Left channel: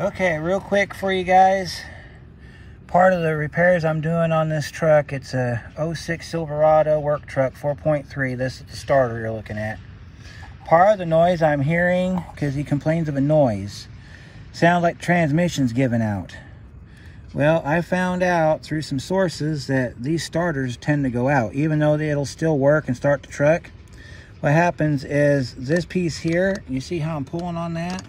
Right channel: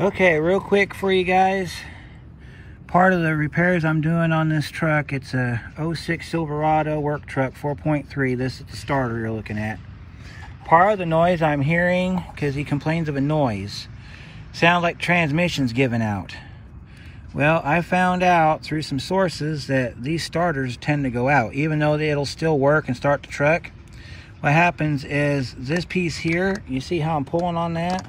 Okay, real quick for you guys. Part of the repairs I'm doing on this truck, it's a 06 Silverado work truck 4.3. This is the starter you're looking at. Part of the noise I'm hearing, because he complains of a noise, sounds like transmission's giving out. Well, I found out through some sources that these starters tend to go out, even though it'll still work and start the truck. What happens is this piece here, you see how I'm pulling on that?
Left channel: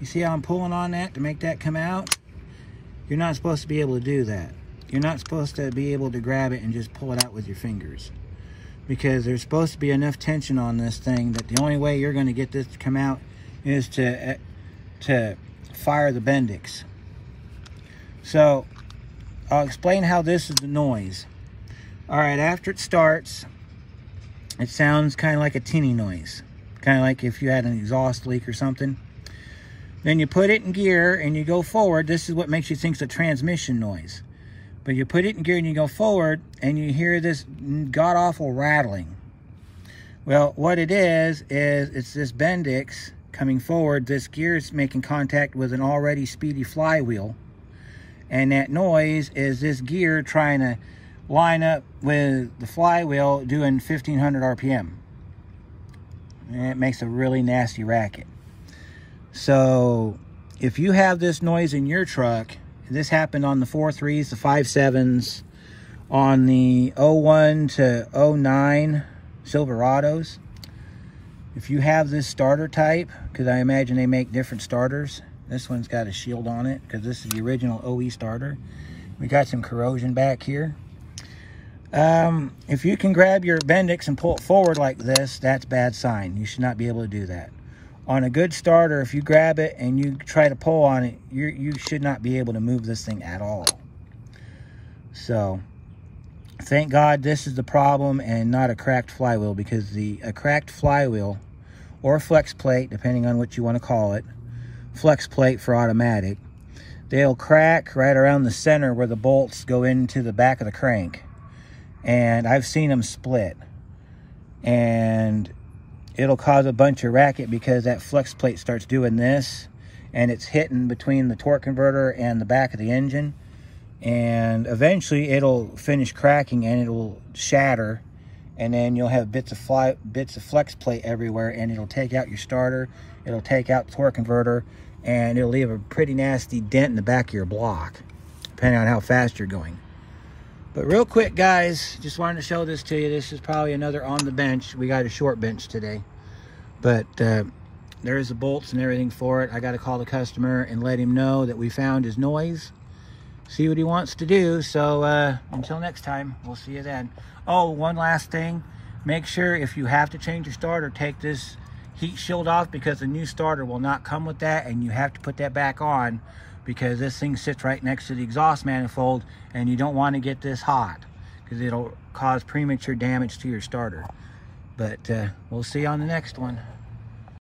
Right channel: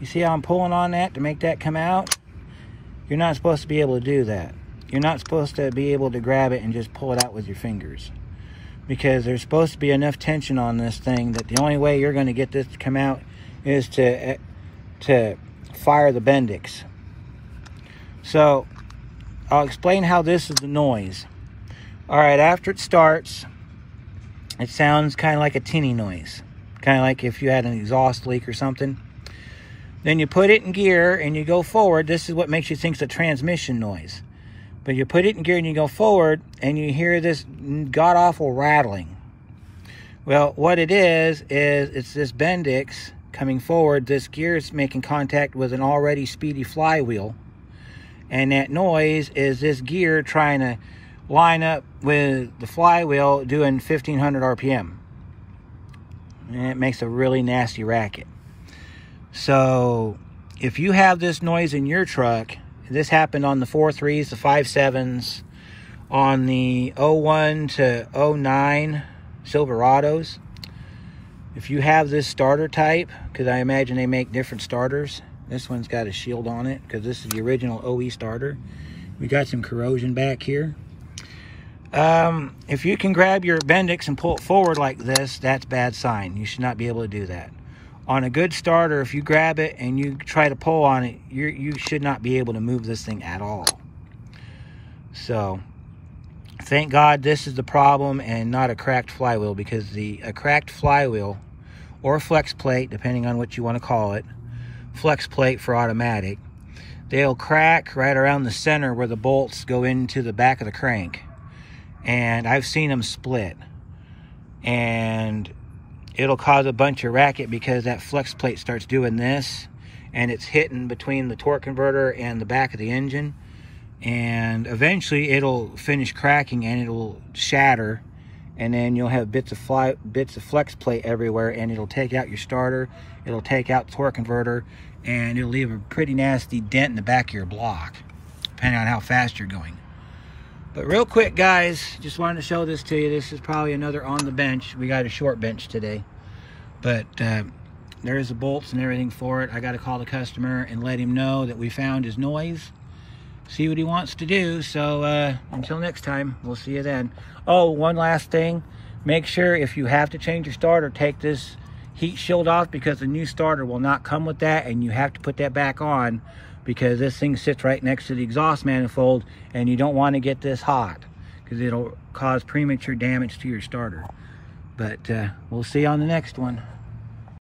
You see how I'm pulling on that to make that come out? You're not supposed to be able to do that. You're not supposed to be able to grab it and just pull it out with your fingers, because there's supposed to be enough tension on this thing that the only way you're going to get this to come out is to fire the bendix. So I'll explain how this is the noise. All right, after it starts, it sounds kind of like a tinny noise, kind of like if you had an exhaust leak or something. Then you put it in gear and you go forward. This is what makes you think it's a transmission noise. But you put it in gear and you go forward and you hear this god-awful rattling. Well, what it is it's this bendix coming forward. This gear is making contact with an already speedy flywheel. And that noise is this gear trying to line up with the flywheel doing 1500 RPM. And it makes a really nasty racket. So if you have this noise in your truck, this happened on the 4.3s, the 5.7s, on the 01 to 09 Silverados. If you have this starter type, because I imagine they make different starters. This one's got a shield on it because this is the original OE starter. We got some corrosion back here. If you can grab your bendix and pull it forward like this, that's a bad sign. You should not be able to do that. On a good starter, if you grab it and you try to pull on it, you should not be able to move this thing at all. So, thank God this is the problem and not a cracked flywheel, because a cracked flywheel or flex plate, depending on what you want to call it, flex plate for automatic, they'll crack right around the center where the bolts go into the back of the crank. And I've seen them split. And it'll cause a bunch of racket because that flex plate starts doing this and it's hitting between the torque converter and the back of the engine, and eventually it'll finish cracking and it'll shatter, and then you'll have bits of flex plate everywhere, and it'll take out your starter, it'll take out the torque converter, and it'll leave a pretty nasty dent in the back of your block depending on how fast you're going. But real quick, guys, just wanted to show this to you. This is probably another on the bench. We got a short bench today. But there's the bolts and everything for it. I got to call the customer and let him know that we found his noise. See what he wants to do. So until next time, we'll see you then. Oh, one last thing. Make sure if you have to change your starter, take this heat shield off, because the new starter will not come with that, and you have to put that back on, because this thing sits right next to the exhaust manifold and you don't want to get this hot because it'll cause premature damage to your starter. But we'll see you on the next one.